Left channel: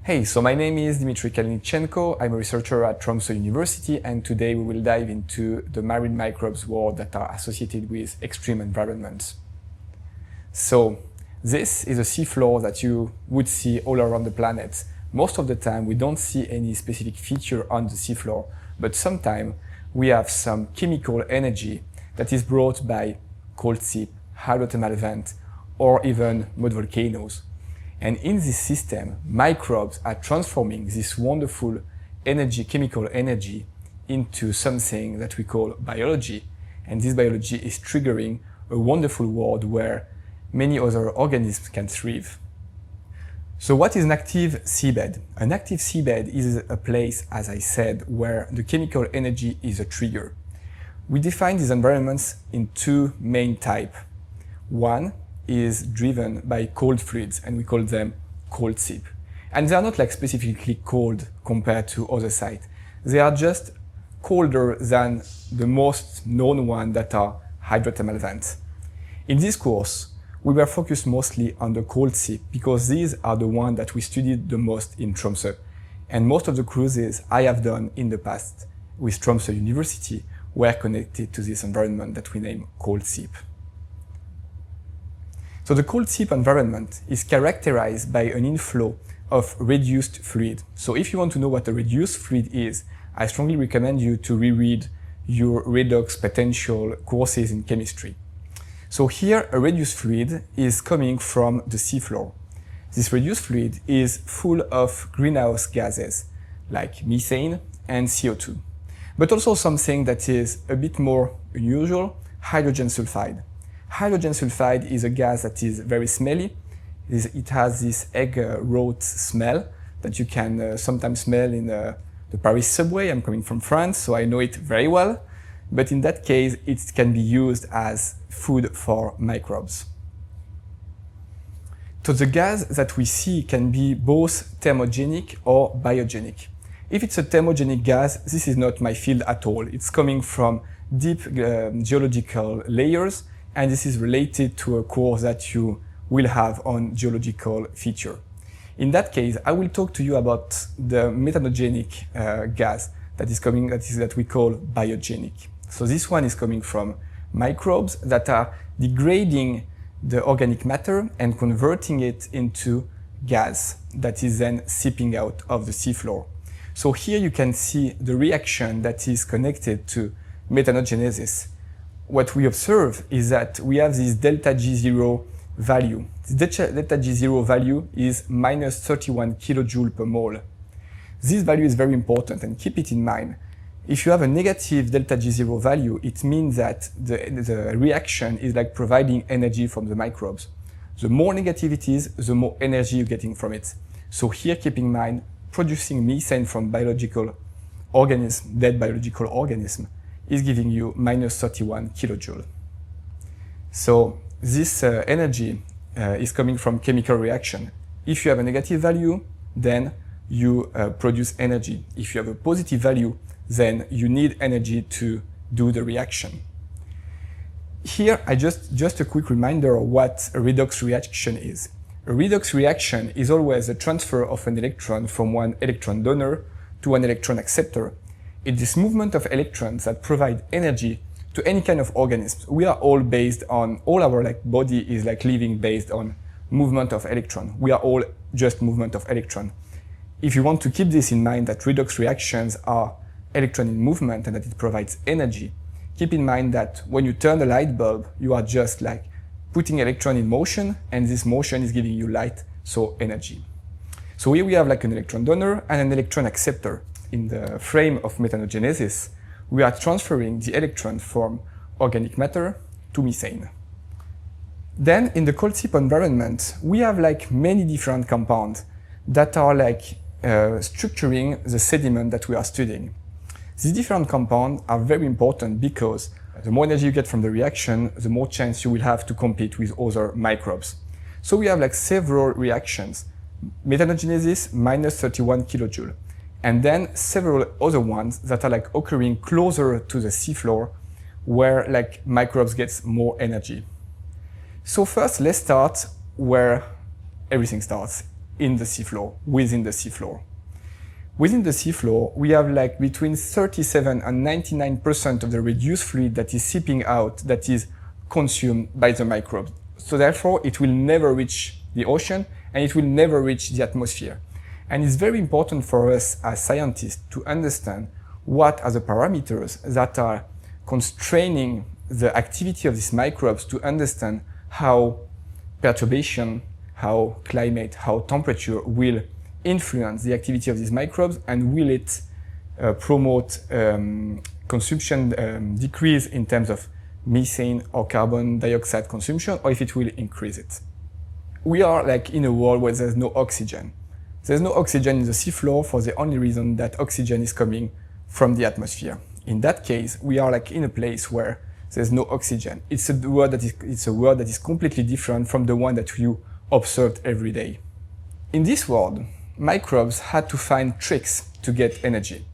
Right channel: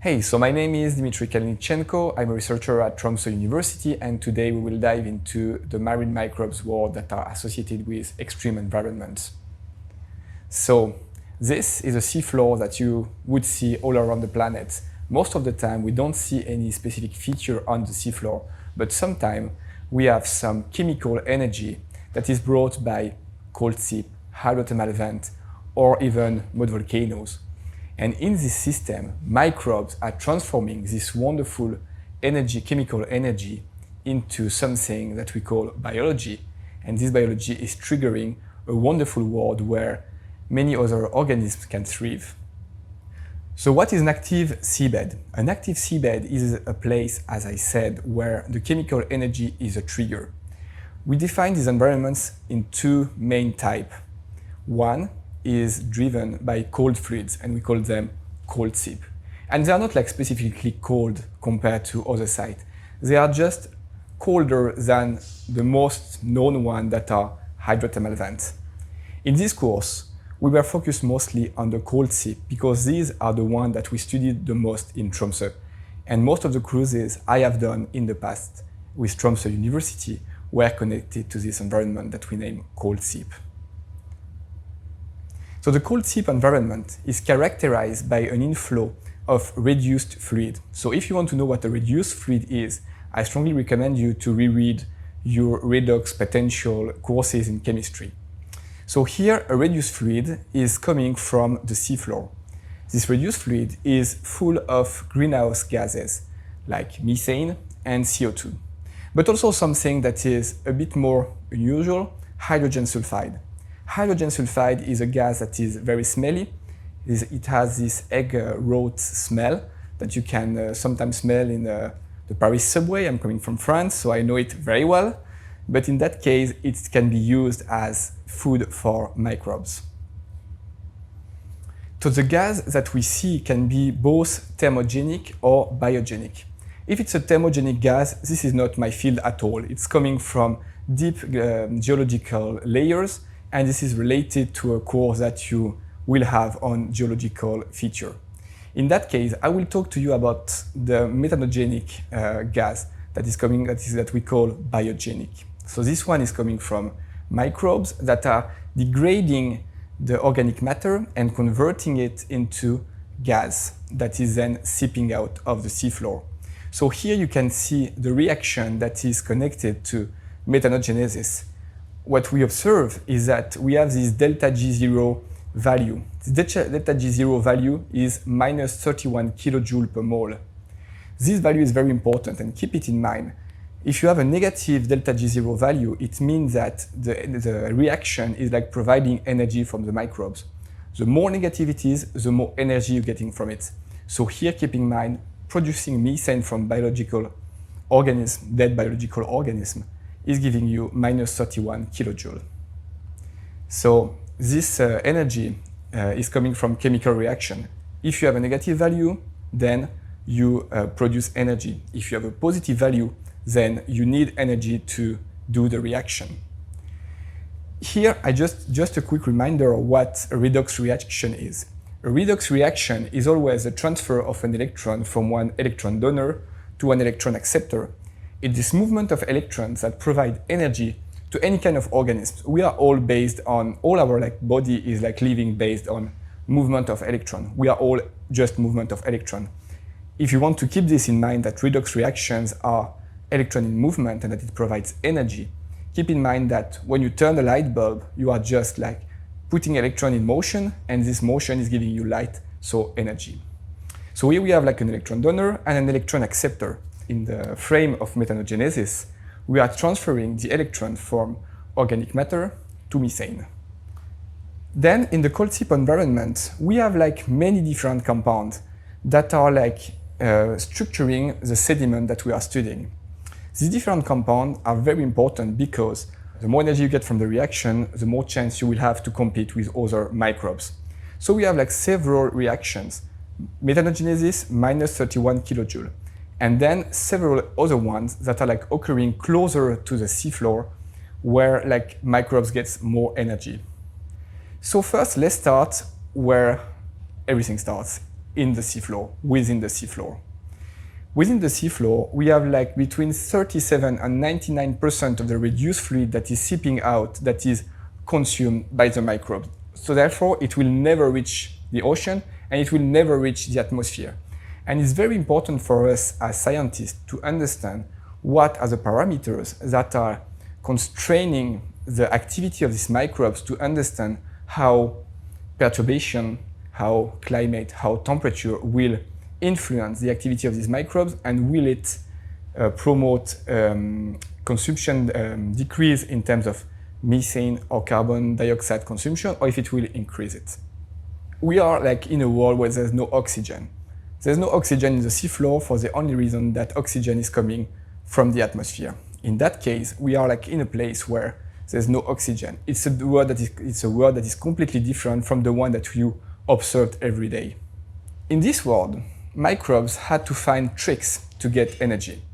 Hey, so my name is Dimitri Kalenitchenko. I'm a researcher at Tromsø University, and today we will dive into the marine microbes world that are associated with extreme environments. So, this is a seafloor that you would see all around the planet. Most of the time, we don't see any specific feature on the seafloor, but sometimes we have some chemical energy that is brought by cold sea, hydrothermal vents, or even mud volcanoes. And in this system, microbes are transforming this wonderful energy, chemical energy, into something that we call biology. And this biology is triggering a wonderful world where many other organisms can thrive. So what is an active seabed? An active seabed is a place, as I said, where the chemical energy is a trigger. We define these environments in two main types. One is driven by cold fluids, and we call them cold seep. And they are not like specifically cold compared to other sites. They are just colder than the most known one that are hydrothermal vents. In this course, we were focused mostly on the cold seep because these are the ones that we studied the most in Tromsø. And most of the cruises I have done in the past with Tromsø University were connected to this environment that we name cold seep. So the cold seep environment is characterized by an inflow of reduced fluid. So if you want to know what a reduced fluid is, I strongly recommend you to reread your redox potential courses in chemistry. So here, a reduced fluid is coming from the seafloor. This reduced fluid is full of greenhouse gases, like methane and CO2, but also something that is a bit more unusual, hydrogen sulfide. Hydrogen sulfide is a gas that is very smelly. It has this egg rot smell that you can sometimes smell in the Paris subway. I'm coming from France, so I know it very well. But in that case, it can be used as food for microbes. So the gas that we see can be both thermogenic or biogenic. If it's a thermogenic gas, this is not my field at all. It's coming from deep geological layers, and this is related to a course that you will have on geological feature. In that case, I will talk to you about the methanogenic gas that we call biogenic. So this one is coming from microbes that are degrading the organic matter and converting it into gas that is then seeping out of the seafloor. So here you can see the reaction that is connected to methanogenesis. What we observe is that we have this delta G0 value. This delta G0 value is minus 31 kilojoule per mole. This value is very important, and keep it in mind. If you have a negative delta G0 value, it means that the reaction is like providing energy from the microbes. The more negative it is, the more energy you're getting from it. So here, keep in mind, producing methane from biological organism, dead biological organism, is giving you minus 31 kilojoule. So this energy is coming from chemical reaction. If you have a negative value, then you produce energy. If you have a positive value, then you need energy to do the reaction. Here, just a quick reminder of what a redox reaction is. A redox reaction is always a transfer of an electron from one electron donor to an electron acceptor. It is movement of electrons that provide energy to any kind of organism. We are all based on, all our body is living based on movement of electron. We are all just movement of electron. If you want to keep this in mind, that redox reactions are electron in movement and that it provides energy, keep in mind that when you turn a light bulb, you are just putting electron in motion, and this motion is giving you light, so energy. So here we have an electron donor and an electron acceptor. In the frame of methanogenesis, we are transferring the electron from organic matter to methane. Then in the cold seep environment, we have many different compounds that are structuring the sediment that we are studying. These different compounds are very important because the more energy you get from the reaction, the more chance you will have to compete with other microbes. So we have several reactions. Methanogenesis, minus 31 kilojoule. And then several other ones that are occurring closer to the seafloor where microbes get more energy. So first, let's start where everything starts, in the seafloor, within the seafloor. Within the seafloor, we have like between 37 and 99% of the reduced fluid that is seeping out that is consumed by the microbes. So therefore, it will never reach the ocean and it will never reach the atmosphere. And it's very important for us as scientists to understand what are the parameters that are constraining the activity of these microbes to understand how perturbation, how climate, how temperature will influence the activity of these microbes, and will it promote consumption decrease in terms of methane or carbon dioxide consumption, or if it will increase it. We are like in a world where there's no oxygen. There's no oxygen in the seafloor for the only reason that oxygen is coming from the atmosphere. In that case, we are like in a place where there's no oxygen. It's a world that is completely different from the one that you observed every day. In this world, microbes had to find tricks to get energy.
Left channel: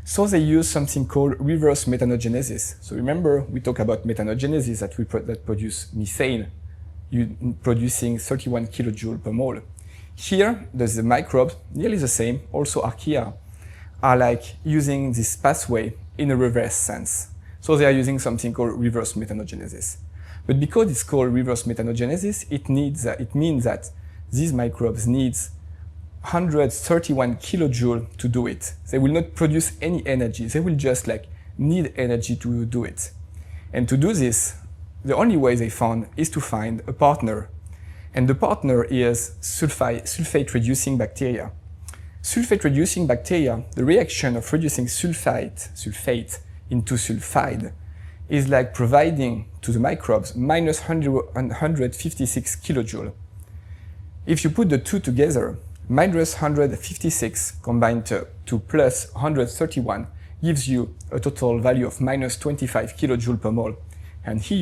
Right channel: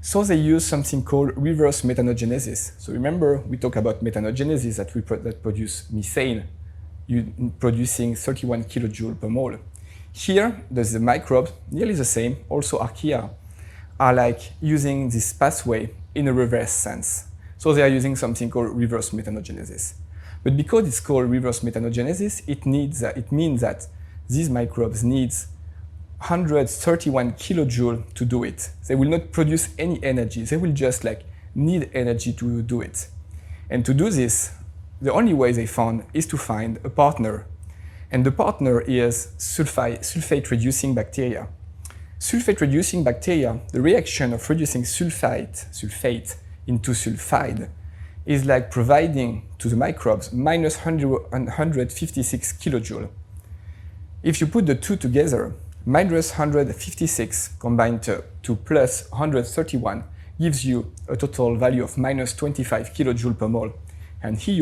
So they use something called reverse methanogenesis. So remember, we talked about methanogenesis that produce methane, producing 31 kilojoule per mole. Here, the microbes, nearly the same, also archaea, are like using this pathway in a reverse sense. So they are using something called reverse methanogenesis. But because it's called reverse methanogenesis, it means that these microbes need 131 kilojoule to do it. They will not produce any energy. They will just like need energy to do it. And to do this, the only way they found is to find a partner. And the partner is sulfate-reducing bacteria. Sulfate-reducing bacteria, the reaction of reducing sulfate into sulfide, is like providing to the microbes minus 156 kilojoule. If you put the two together, minus 156 combined to plus 131 gives you a total value of minus 25 kilojoule per mole. And here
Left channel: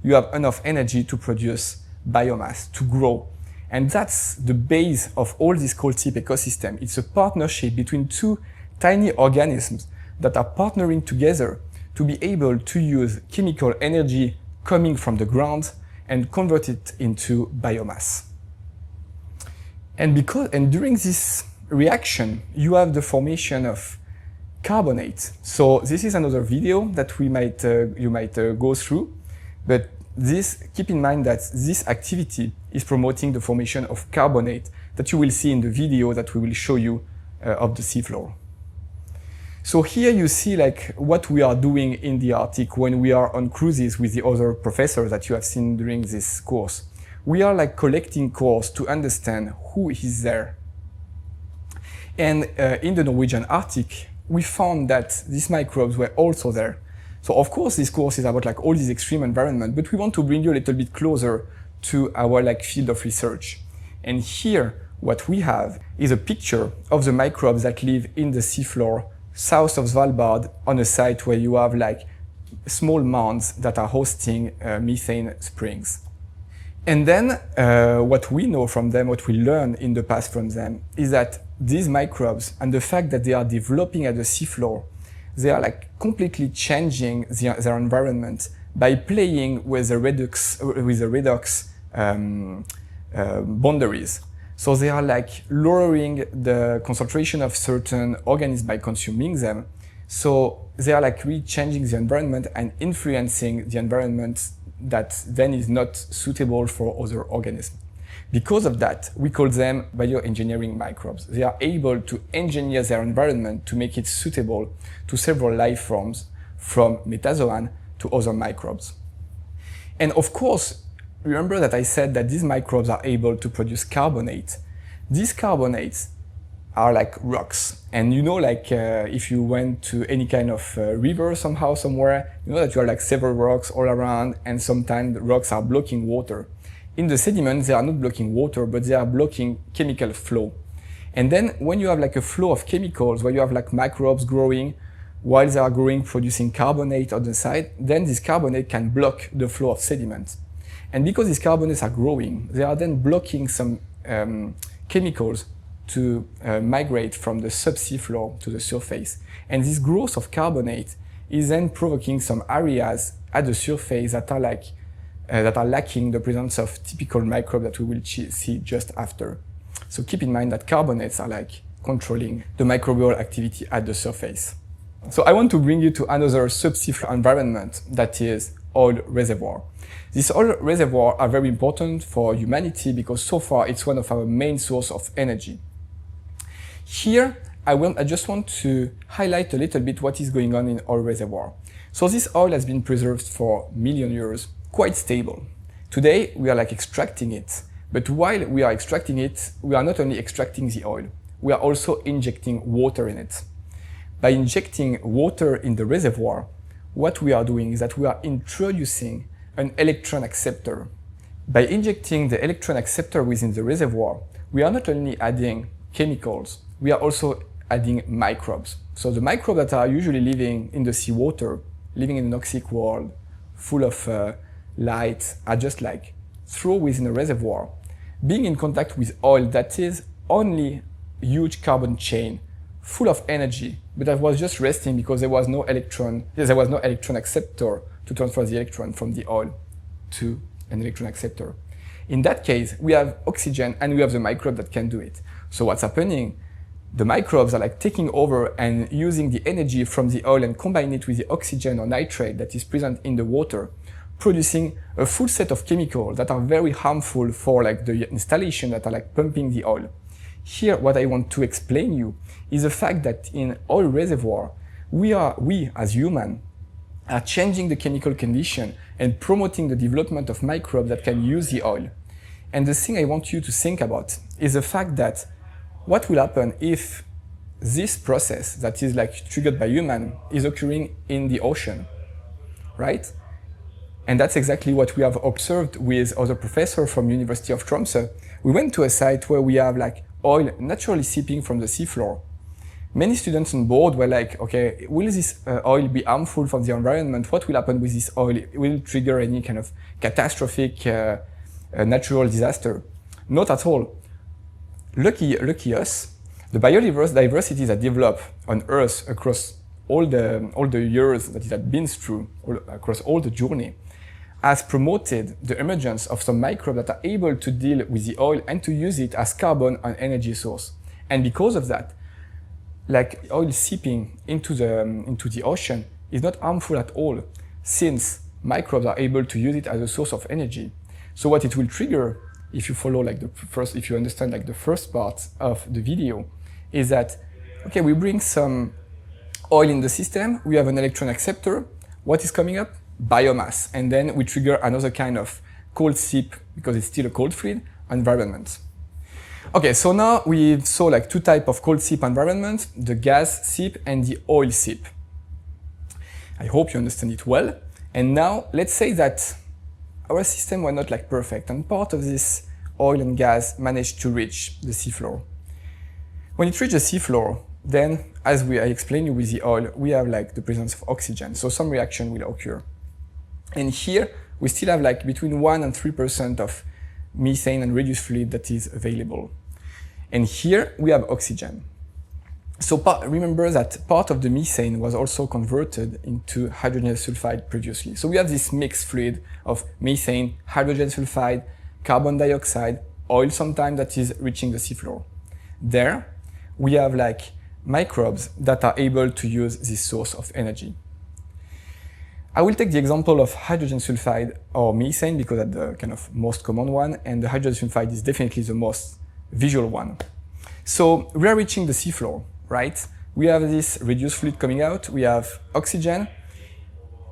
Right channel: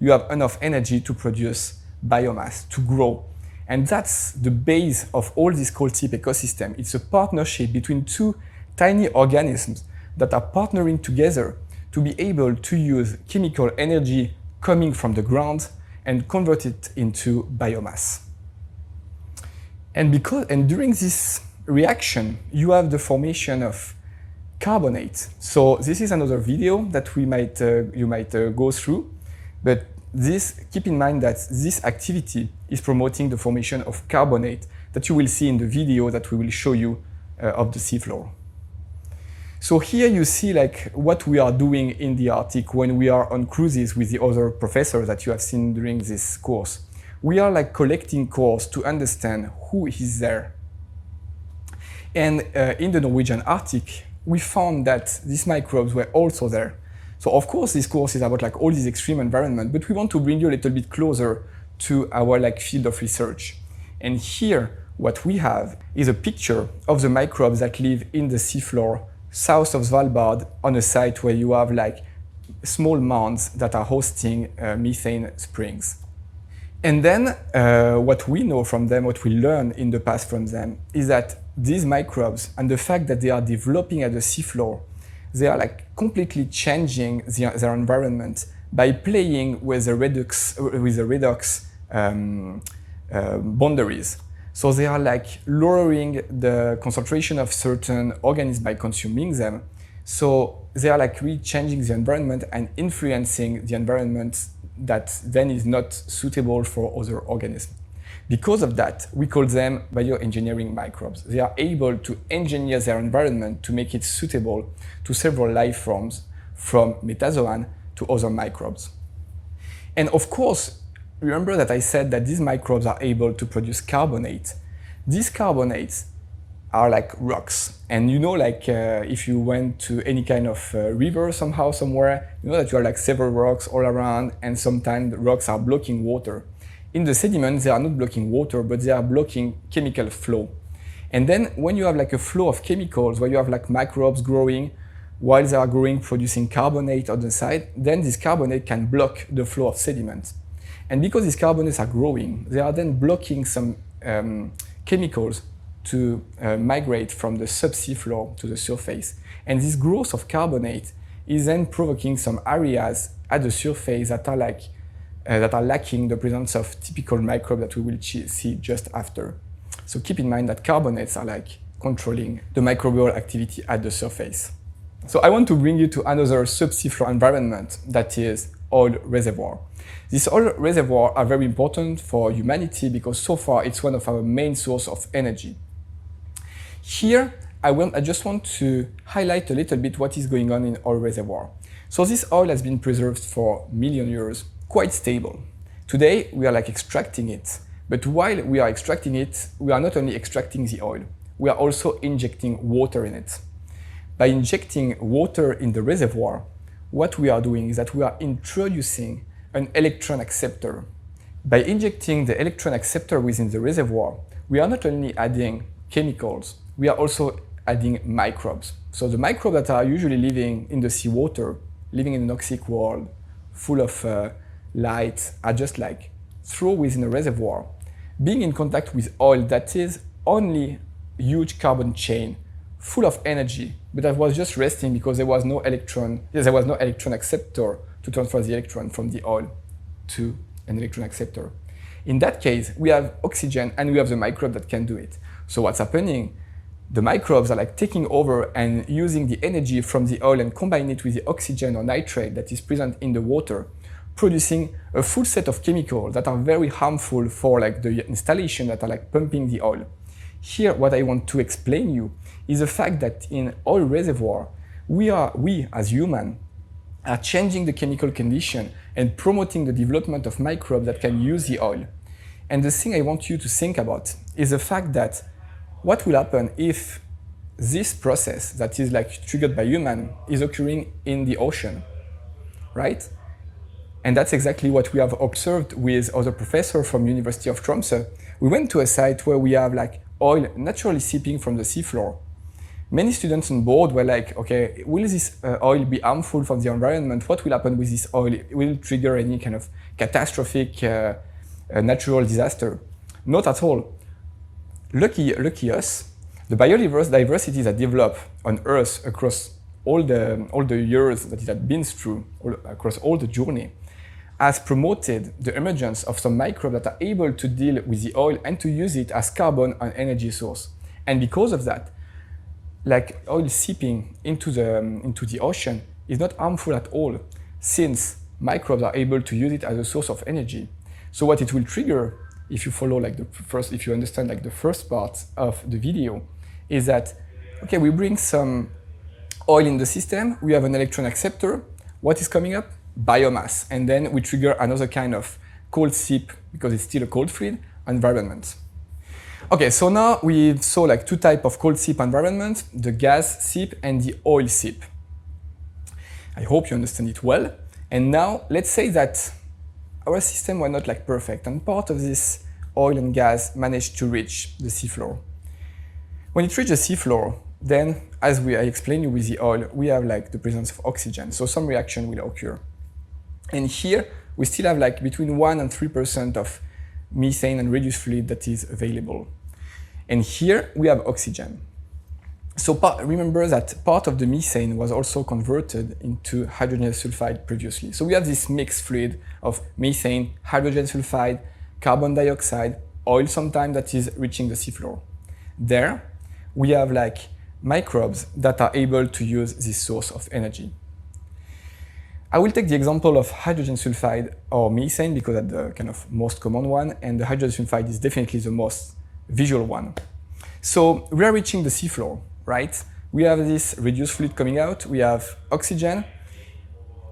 you have enough energy to produce biomass, to grow. And that's the base of all this cold seep ecosystem. It's a partnership between two tiny organisms that are partnering together to be able to use chemical energy coming from the ground and convert it into biomass. And during this reaction, you have the formation of carbonate. So this is another video that you might go through, but keep in mind that this activity is promoting the formation of carbonate that you will see in the video that we will show you of the seafloor. So here you see like what we are doing in the Arctic when we are on cruises with the other professors that you have seen during this course. We are like collecting cores to understand who is there. And in the Norwegian Arctic, we found that these microbes were also there. So of course this course is about like all this extreme environment, but we want to bring you a little bit closer to our like field of research. And here what we have is a picture of the microbes that live in the seafloor south of Svalbard on a site where you have like small mounds that are hosting methane springs. And then what we know from them, what we learned in the past from them, is that these microbes and the fact that they are developing at the seafloor, they are like completely changing their environment by playing with the redox boundaries. So they are like lowering the concentration of certain organisms by consuming them. So they are like really changing the environment and influencing the environment that then is not suitable for other organisms. Because of that, we call them bioengineering microbes. They are able to engineer their environment to make it suitable to several life forms, from metazoan to other microbes. And of course, remember that I said that these microbes are able to produce carbonate. These carbonates are like rocks. And you know, like if you went to any kind of river somehow, somewhere, you know that you have like several rocks all around, and sometimes the rocks are blocking water. In the sediments, they are not blocking water, but they are blocking chemical flow. And then when you have like a flow of chemicals, where you have like microbes growing, while they are growing, producing carbonate on the side, then this carbonate can block the flow of sediments. And because these carbonates are growing, they are then blocking some chemicals to migrate from the subsea floor to the surface. And this growth of carbonate is then provoking some areas at the surface that are lacking the presence of typical microbes that we will see just after. So keep in mind that carbonates are like controlling the microbial activity at the surface. So I want to bring you to another subsea floor environment, that is oil reservoir. These oil reservoirs are very important for humanity because so far it's one of our main sources of energy. Here, I just want to highlight a little bit what is going on in oil reservoir. So this oil has been preserved for million years, quite stable. Today, we are like extracting it. But while we are extracting it, we are not only extracting the oil, we are also injecting water in it. By injecting water in the reservoir, what we are doing is that we are introducing an electron acceptor. By injecting the electron acceptor within the reservoir, we are not only adding chemicals, we are also adding microbes. So the microbes that are usually living in the seawater, living in an toxic world, full of light, are just like thrown within the reservoir, being in contact with oil that is only a huge carbon chain, full of energy, but that was just resting because there was no electron acceptor to transfer the electron from the oil to an electron acceptor. In that case, we have oxygen and we have the microbe that can do it. So what's happening? The microbes are like taking over and using the energy from the oil and combining it with the oxygen or nitrate that is present in the water, producing a full set of chemicals that are very harmful for like the installation that are like pumping the oil. Here, what I want to explain you is the fact that in oil reservoir, we as humans are changing the chemical condition and promoting the development of microbes that can use the oil. And the thing I want you to think about is the fact that what will happen if this process that is like triggered by human is occurring in the ocean, right? And that's exactly what we have observed with other professors from University of Tromsø. We went to a site where we have like oil naturally seeping from the seafloor. Many students on board were like, okay, will this oil be harmful for the environment? What will happen with this oil? Will it trigger any kind of catastrophic natural disaster? Not at all. Lucky us, the biodiversity that developed on Earth across all the years that it had been through, across all the journey, has promoted the emergence of some microbes that are able to deal with the oil and to use it as carbon and energy source. And because of that, like oil seeping into the ocean is not harmful at all, since microbes are able to use it as a source of energy. So what it will trigger, if you follow like if you understand like the first part of the video, is that okay, we bring some oil in the system, we have an electron acceptor. What is coming up? Biomass, and then we trigger another kind of cold seep because it's still a cold fluid environment. Okay, so now we saw like two types of cold seep environments, the gas seep and the oil seep. I hope you understand it well. And now let's say that our system were not like perfect and part of this oil and gas managed to reach the seafloor. When it reaches the seafloor, then as I explained with the oil, we have like the presence of oxygen, so some reaction will occur. And here we still have like between 1 and 3% of methane and reduced fluid that is available. And here we have oxygen. So remember that part of the methane was also converted into hydrogen sulfide previously. So we have this mixed fluid of methane, hydrogen sulfide, carbon dioxide, oil sometimes that is reaching the seafloor. There we have like microbes that are able to use this source of energy. I will take the example of hydrogen sulfide or methane because that's the kind of most common one, and the hydrogen sulfide is definitely the most visual one. So we are reaching the seafloor, right? We have this reduced fluid coming out, we have oxygen,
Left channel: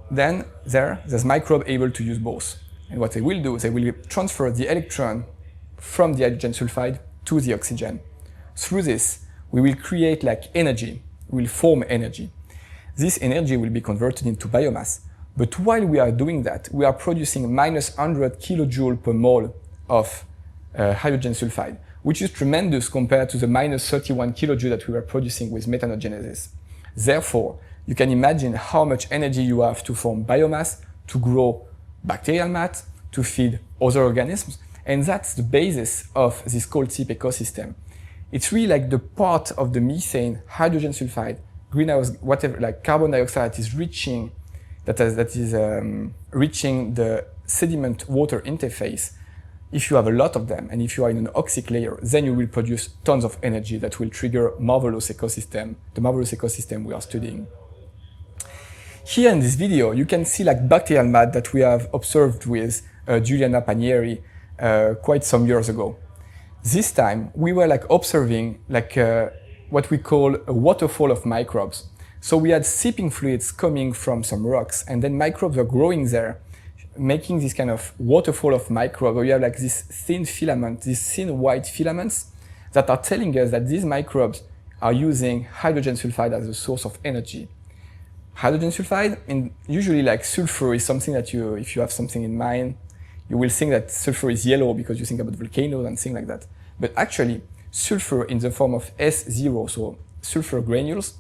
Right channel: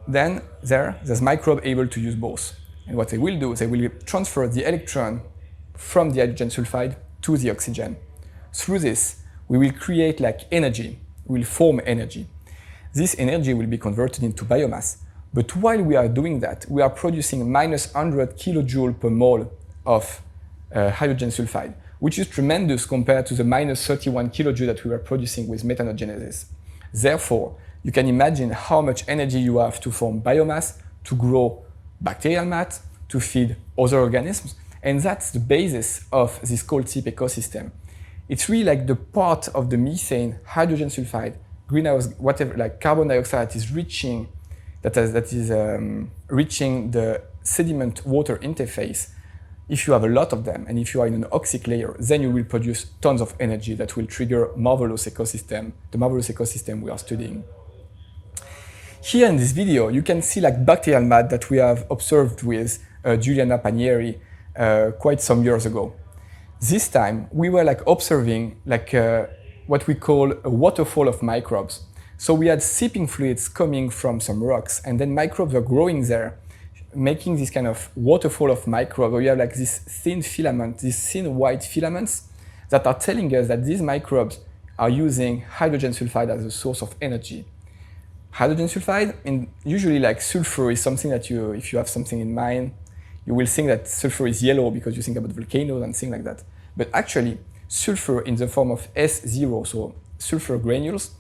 then there's microbe able to use both. And what they will do is they will transfer the electron from the hydrogen sulfide to the oxygen. Through this, we will create like energy, we will form energy. This energy will be converted into biomass. But while we are doing that, we are producing minus 100 kilojoule per mole of hydrogen sulfide, which is tremendous compared to the minus 31 kilojoule that we were producing with methanogenesis. Therefore, you can imagine how much energy you have to form biomass, to grow bacterial mats, to feed other organisms, and that's the basis of this cold seep ecosystem. It's really like the part of the methane, hydrogen sulfide, greenhouse, whatever, like carbon dioxide is reaching, reaching the sediment water interface, if you have a lot of them, and if you are in an oxic layer, then you will produce tons of energy that will trigger marvelous ecosystem, the marvelous ecosystem we are studying. Here in this video, you can see like bacterial mat that we have observed with Giuliana Panieri quite some years ago. This time, we were like observing like what we call a waterfall of microbes. So we had seeping fluids coming from some rocks, and then microbes were growing there, making this kind of waterfall of microbes where you have like this thin filament, these thin white filaments that are telling us that these microbes are using hydrogen sulfide as a source of energy. Hydrogen sulfide, and usually like sulfur is something that you, if you have something in mind, you will think that sulfur is yellow because you think about volcanoes and things like that. But actually, sulfur in the form of S0, so sulfur granules,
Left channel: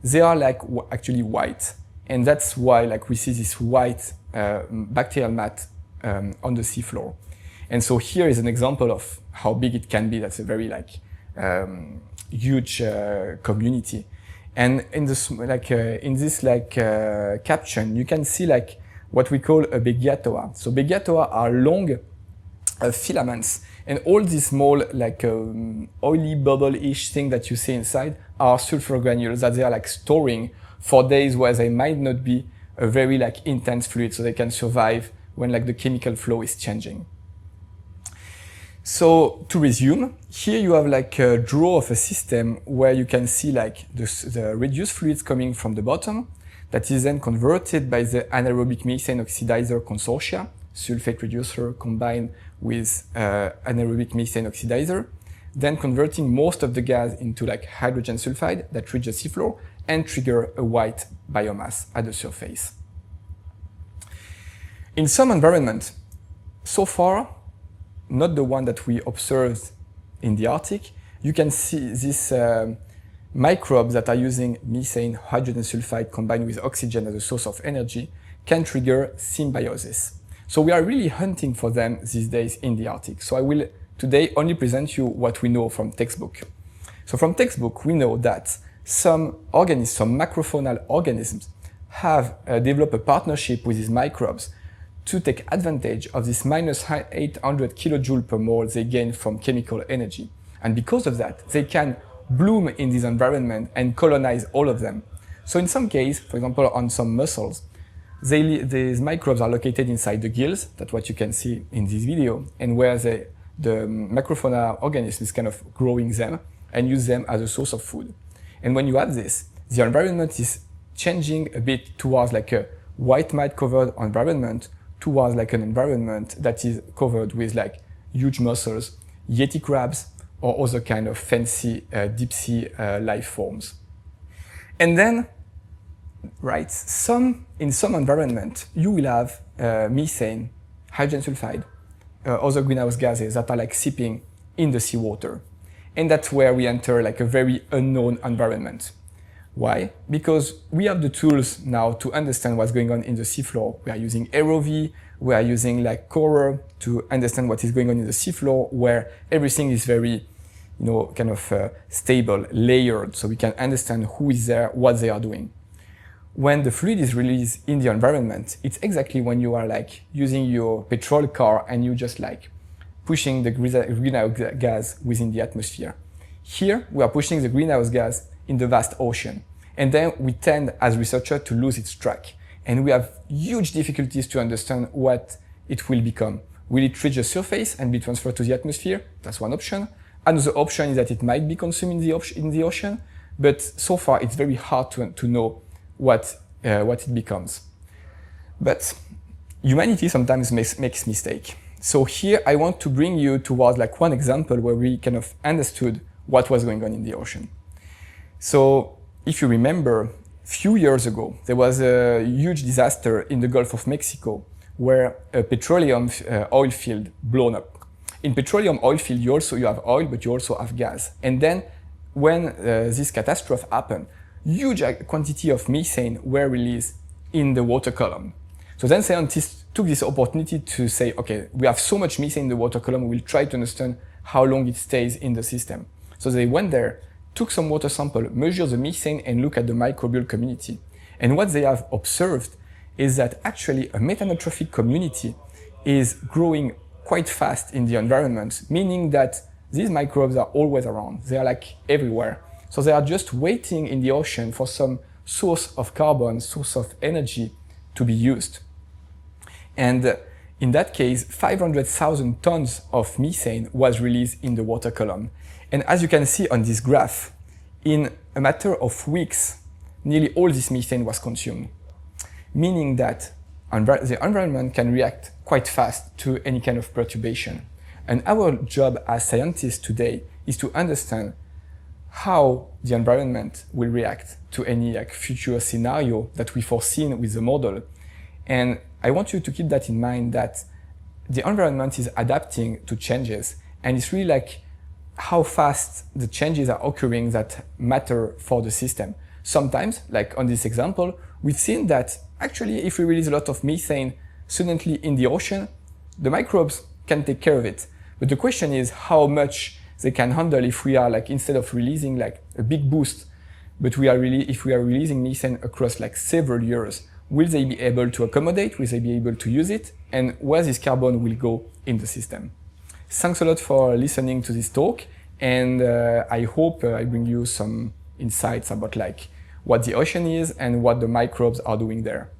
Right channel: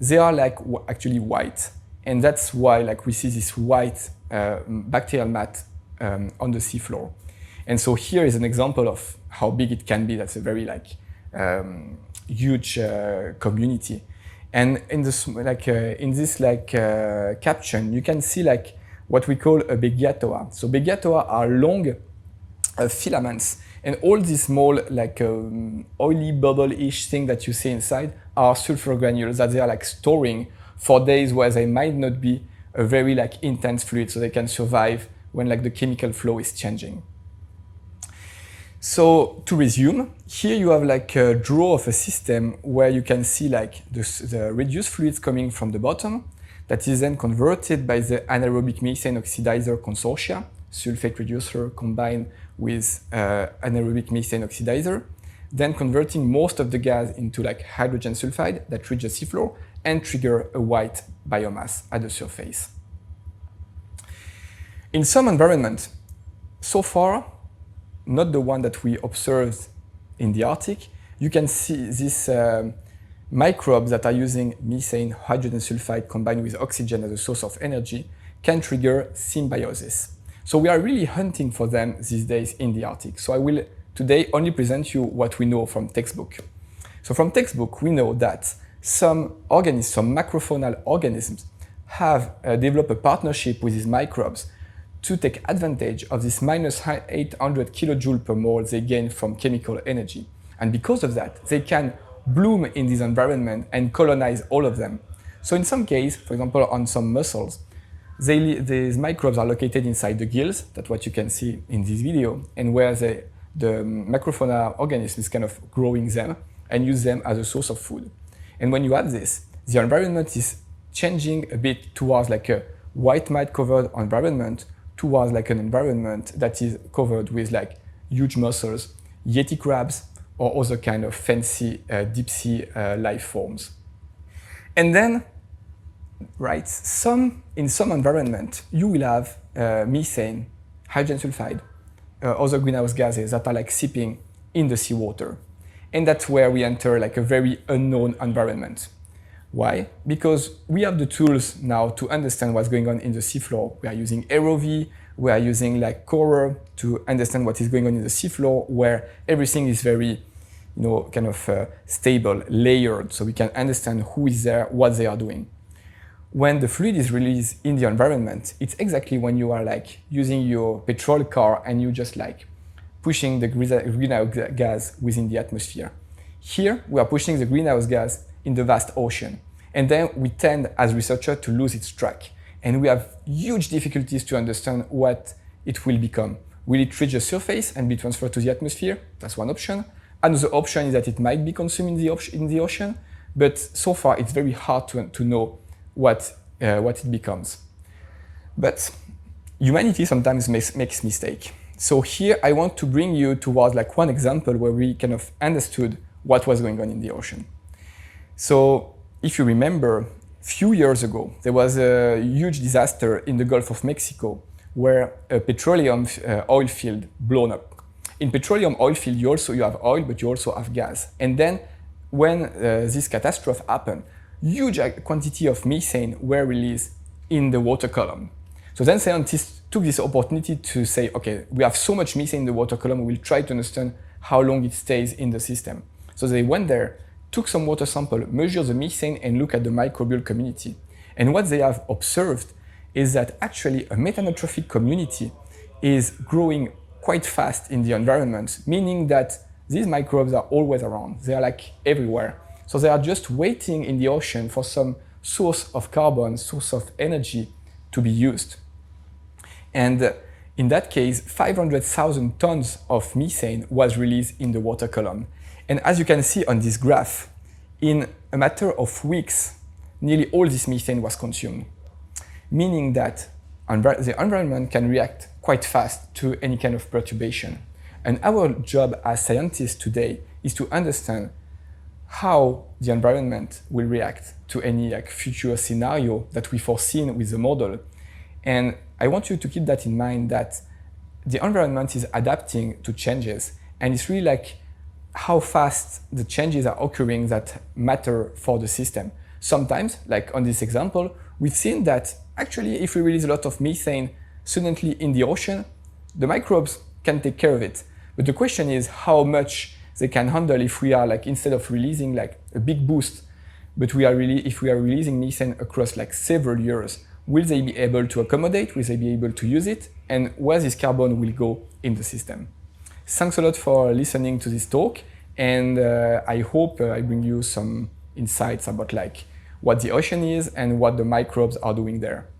they are like actually white. And that's why like we see this white bacterial mat on the seafloor. And so here is an example of how big it can be. That's a very like huge community. And in this caption, you can see like what we call a begiatoa. So begiatoa are long filaments, and all these small like oily bubble-ish thing that you see inside are sulfur granules that they are like storing for days where they might not be a very like intense fluid, so they can survive when like the chemical flow is changing. So to resume, here you have like a draw of a system where you can see like the reduced fluids coming from the bottom that is then converted by the anaerobic methane oxidizer consortia, sulfate reducer combined with anaerobic methane oxidizer, then converting most of the gas into like hydrogen sulfide that reaches the seafloor and trigger a white biomass at the surface. In some environments, so far, not the one that we observed in the Arctic, you can see these microbes that are using methane, hydrogen sulfide combined with oxygen as a source of energy can trigger symbiosis. So we are really hunting for them these days in the Arctic. So I will today only present you what we know from textbook. So from textbook, we know that some organisms, some macrofaunal organisms have developed a partnership with these microbes to take advantage of this minus 800 kilojoule per mole they gain from chemical energy. And because of that, they can bloom in this environment and colonize all of them. So in some cases, for example, on some mussels, these microbes are located inside the gills, that's what you can see in this video, and where the macrofaunal organism is kind of growing them and use them as a source of food. And when you add this, the environment is changing a bit towards like a white mite covered environment, towards like an environment that is covered with like huge mussels, yeti crabs, or other kind of fancy deep sea life forms. And then, right, in some environment, you will have methane, hydrogen sulfide, other greenhouse gases that are like seeping in the seawater. And that's where we enter like a very unknown environment. Why? Because we have the tools now to understand what's going on in the seafloor. We are using ROV, we are using like Corer to understand what is going on in the seafloor, where everything is very, kind of stable, layered, so we can understand who is there, what they are doing. When the fluid is released in the environment, it's exactly when you are like using your petrol car and you just like pushing the greenhouse gas within the atmosphere. Here, we are pushing the greenhouse gas in the vast ocean. And then we tend, as researchers, to lose its track. And we have huge difficulties to understand what it will become. Will it reach the surface and be transferred to the atmosphere? That's one option. Another option is that it might be consumed in the ocean, but so far it's very hard to know what it becomes. But humanity sometimes makes mistakes. So here I want to bring you towards like one example where we kind of understood what was going on in the ocean. So if you remember, a few years ago, there was a huge disaster in the Gulf of Mexico where a petroleum oil field blown up. In petroleum oil field, you have oil, but you also have gas. And then when this catastrophe happened, huge quantity of methane were released in the water column. So then scientists took this opportunity to say, okay, we have so much methane in the water column, we'll try to understand how long it stays in the system. So they went there, took some water sample, measured the methane, and look at the microbial community. And what they have observed is that actually a methanotrophic community is growing quite fast in the environment, meaning that these microbes are always around. They are like everywhere. So they are just waiting in the ocean for some source of carbon, source of energy to be used. And in that case, 500,000 tons of methane was released in the water column. And as you can see on this graph, in a matter of weeks, nearly all this methane was consumed, meaning that the environment can react quite fast to any kind of perturbation. And our job as scientists today is to understand how the environment will react to any future scenario that we foreseen with the model. And I want you to keep that in mind, that the environment is adapting to changes, and it's really like how fast the changes are occurring that matter for the system. Sometimes, like on this example, we've seen that actually if we release a lot of methane suddenly in the ocean, the microbes can take care of it. But the question is how much they can handle if we are like, instead of releasing like a big boost, but if we are releasing methane across like several years, will they be able to accommodate? Will they be able to use it? And where this carbon will go in the system? Thanks a lot for listening to this talk, and I hope I bring you some insights about like what the ocean is and what the microbes are doing there.